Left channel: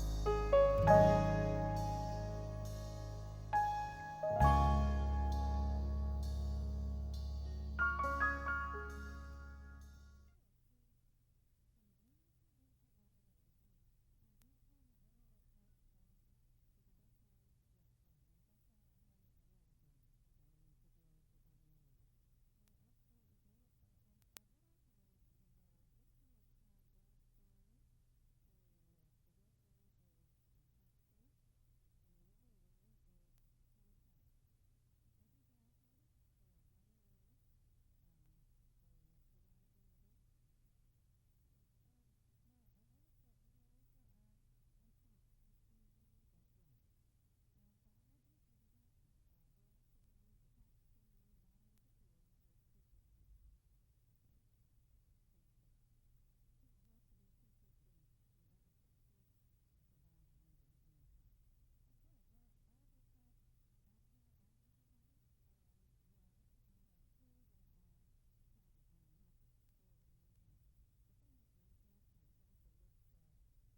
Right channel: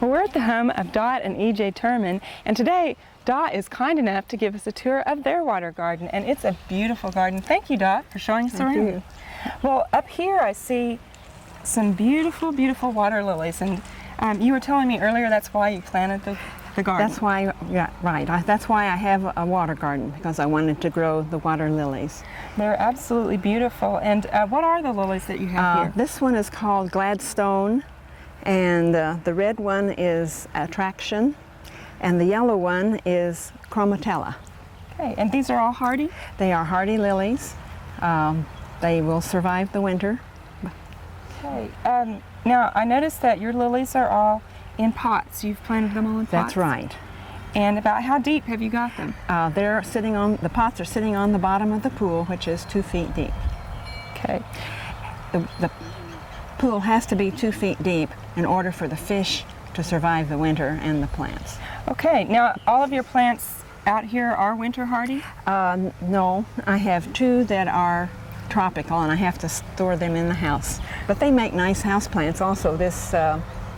Well, we're at the home of Dot and E.J. Turman, and today Dot is kind enough to give us a tour of their water garden, and it's a beautiful garden. Thank you, Dot, for showing us around. Well, up here I see some beautiful, beautiful water lilies, and you were telling me earlier that's why you planted the garden. That's why, yeah, right. That's why I have a water garden, because I wanted to grow the water lilies. They're absolutely beautiful. And what are the lilies that you have here? This one is called Gladstone, and the red one is Attraction, and the yellow one is Chromatella. Okay, and these are all hardy? They are hardy lilies. They will survive the winter. Okay. Now, I noticed that your lilies are all in pots. You've planted them all in pots? That's right. And about how deep have you got them? The pots are sitting on the bottom of the pool, which is 2 feet deep. Okay. The pool has to be 2 feet deep in order for the fish to survive the winter and the plants. Okay, now all of your plants out here are winter hardy? No, I have 2 that are tropical, and I have to store them in the house. But they make nice house plants also. This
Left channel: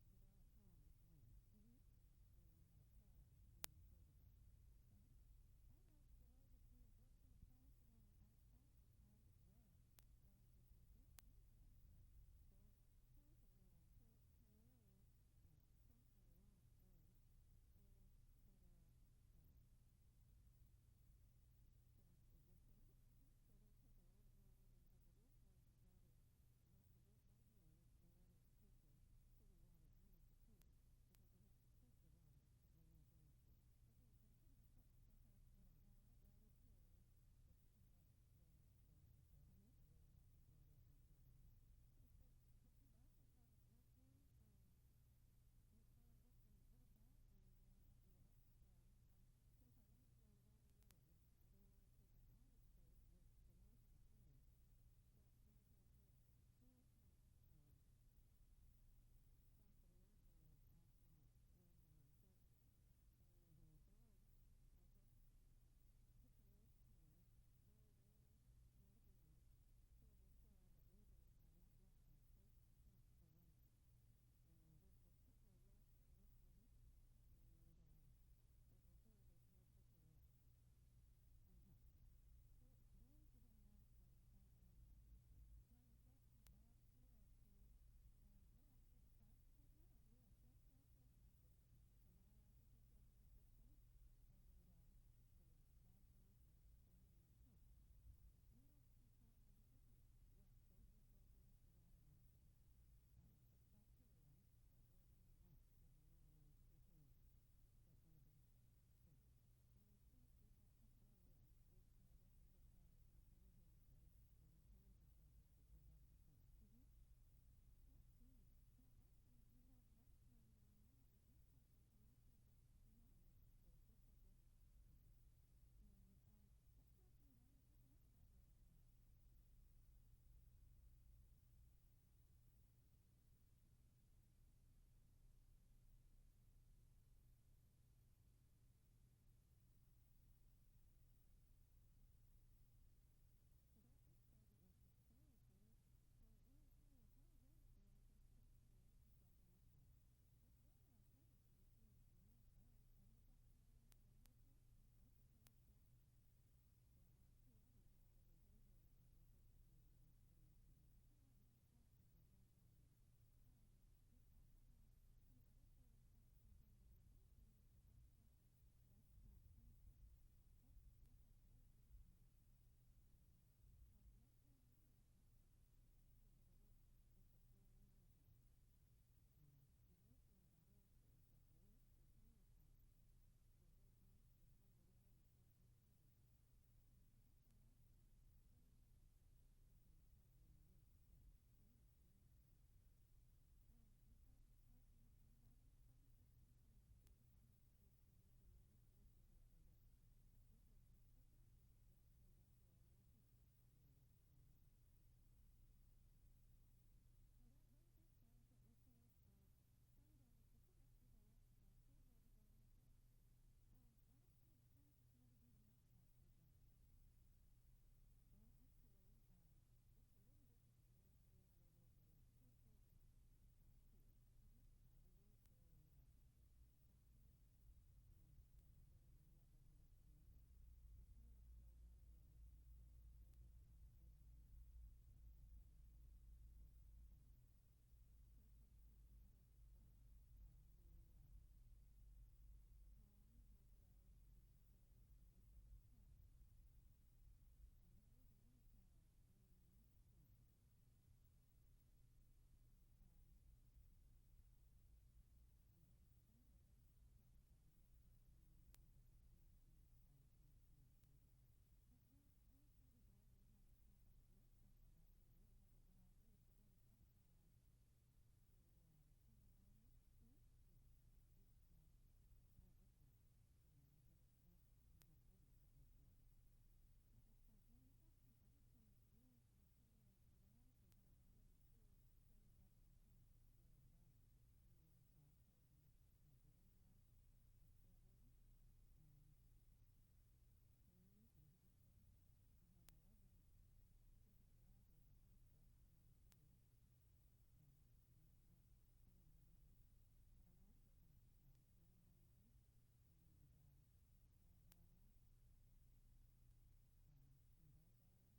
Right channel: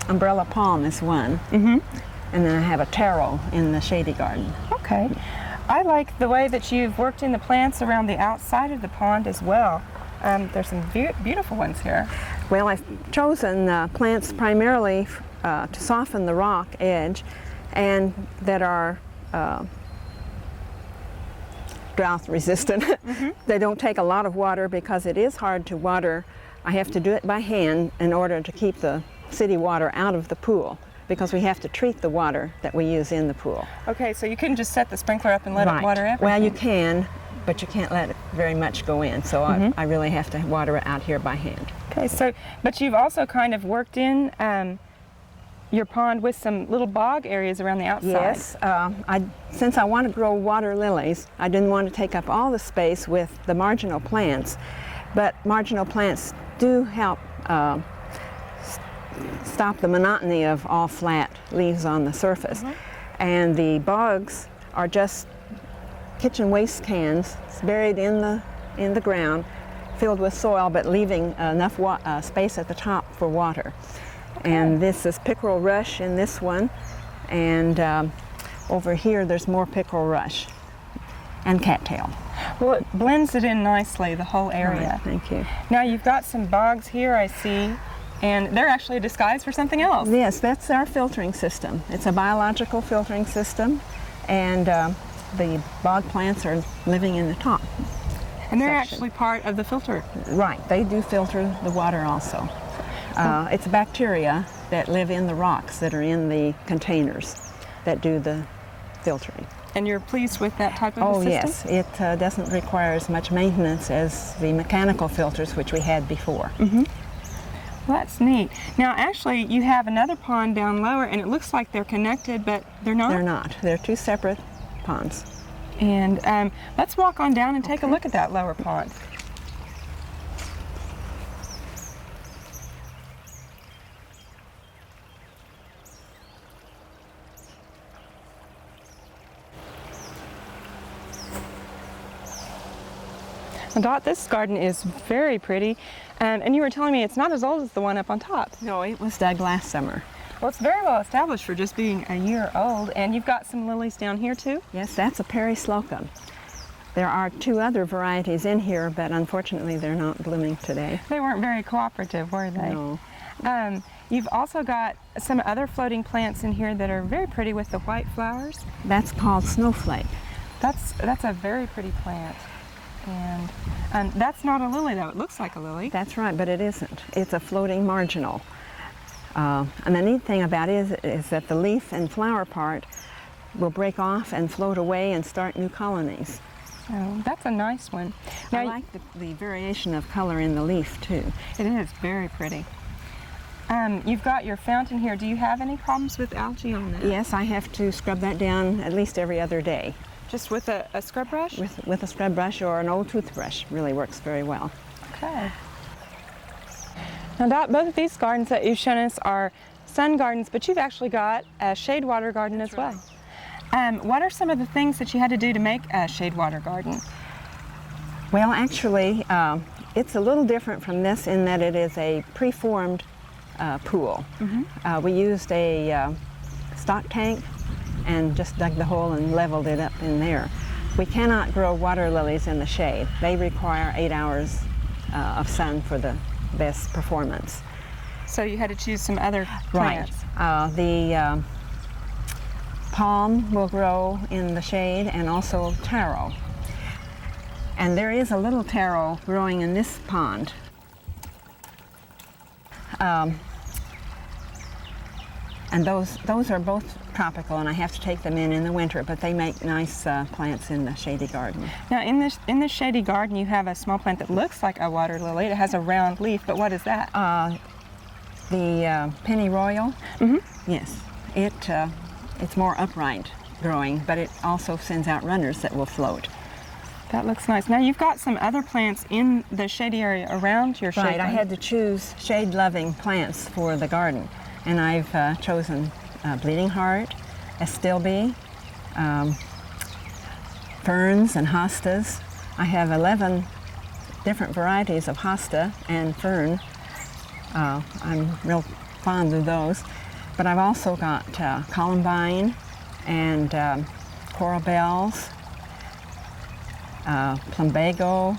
umbrella palm is one. Mm-hmm. And then I have a taro in the shady garden. Okay. I like the way that you've worked in the plants around the outside of the pond as well. There's some beautiful ones here. Well, I've chosen plants primarily to soften the rock edge and that are drought resistant. Mm-hmm. They don't take a lot of water because it is hard to water. I have to do it by hand in order to keep the city water out of the pool, because we have to treat the water that we use in the pool. Okay, so you couldn't just set the sprinkler up and let it water everything? Well, you can, but you can't let it very much go in, so I really have to water it out here by hand. Okay, so, but you've also kind of worked in your pond with some little bog areas around the outside. Yes, since I want to grow water lilies, I didn't want to take up all the space with the marginal plants, but marginal plants do help stop the monotony of all flat leaves on the surface. And the bogs are just kitchen waste cans buried in the ground, filled with soil, but leaving enough space at the top for water. Okay. And this is pickerel rush in this one, and over here there's more pickerel rush and cattail. Well, it blends it in nicely, the whole area. Right, thank you. Now you've got some bogs here, I see. And they're actually a disguise for something else. Yes, that's our filtering system. It's a biological filtering system, and the bog plants are living in the top. And they're actually part of the filter. Right, they do filter the water also. It's bacteria that live in the rocks that are in the containers that do the filtering. And you're pleased with that type of a system? Oh yes, it doesn't require as much maintenance as the mechanical filters which we had before. Mm-hmm. Well, that's neat. Now, actually, you have another pond down lower, and it looks like they're connected, but they're not? They're not. They're 2 separate ponds. And let's walk on down and take a look at that lower pond. Now, Dot, this garden is very pretty, and you were telling me it's not as old as the one up on top. No, it was dug last summer. Well, it's very well established for just being a year old, and you've got some lilies down here too? Yes, that's a perislocum. There are 2 other varieties in here, but unfortunately they're not blooming today. They weren't very cooperative, were they? No. You've also got some other floating plants in here that are very pretty with the white flowers. That's called snowflake. That's a very pretty plant. And that's not a lily, though. It looks like a lily. That's right, but it isn't. It's a floating marginal. And the neat thing about it is that the leaf and flower part will break off and float away and start new colonies. Oh, that's a nice one. Now, I like the variation of color in the leaf, too. It is very pretty. You've got your fountain here. Do you have any problems with algae on that? Yes, I have to scrub that down at least every other day. Just with a scrub brush? With a scrub brush or an old toothbrush really works very well. Okay. Now, Dot, both of these gardens that you've shown us are sun gardens, but you've actually got a shade water garden as well. What are some of the things that you had to do to make a shade water garden? Well, actually, it's a little different from this in that it is a preformed pool. We used a stock tank and just dug the hole and leveled it up in there. We cannot grow water lilies in the shade. They require 8 hours of sun for the best performance. So you had to choose some other plants. Right. The palm will grow in the shade, and also taro. And there is a little taro growing in this pond. And those are both tropical, and I have to take them in the winter, but they make nice plants in the shady garden. Now in this shady garden you have a small plant that looks like a water lily. It has a round leaf, but what is that? The pennyroyal. Yes, it's more upright growing, but it also sends out runners that will float. That looks nice. Now you've got some other plants in the shady area around your shade. Right, I had to choose shade-loving plants for the garden, and I've chosen bleeding heart, astilbe, ferns and hostas. I have 11 different varieties of hosta and fern. I'm real fond of those. But I've also got columbine and coral bells, plumbago,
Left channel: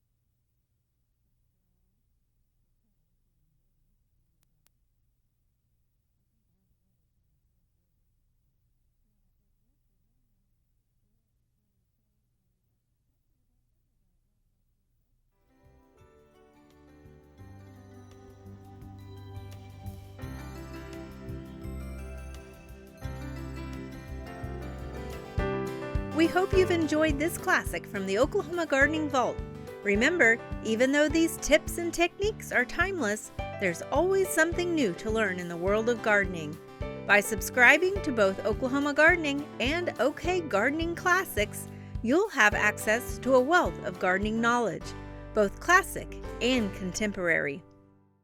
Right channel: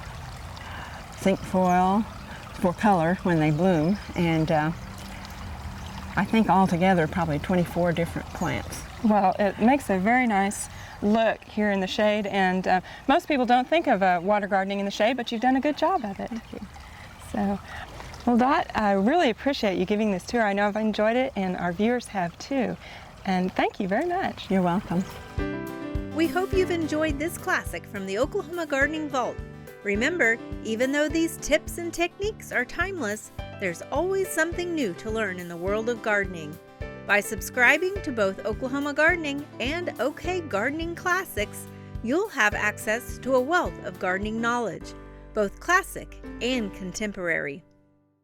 cinquefoil for color when they bloom, and I think altogether probably 24 different plants. Well, it makes a very nice look here in the shade, and most people don't think of water gardening in the shade, but you've done a good job of it. Thank you. So, well, Dot, I really appreciate you giving this tour. I know I've enjoyed it, and our viewers have too. And thank you very much. You're welcome. We hope you've enjoyed this classic from the Oklahoma Gardening Vault. Remember, even though these tips and techniques are timeless, there's always something new to learn in the world of gardening. By subscribing to both Oklahoma Gardening and OK Gardening Classics, you'll have access to a wealth of gardening knowledge, both classic and contemporary.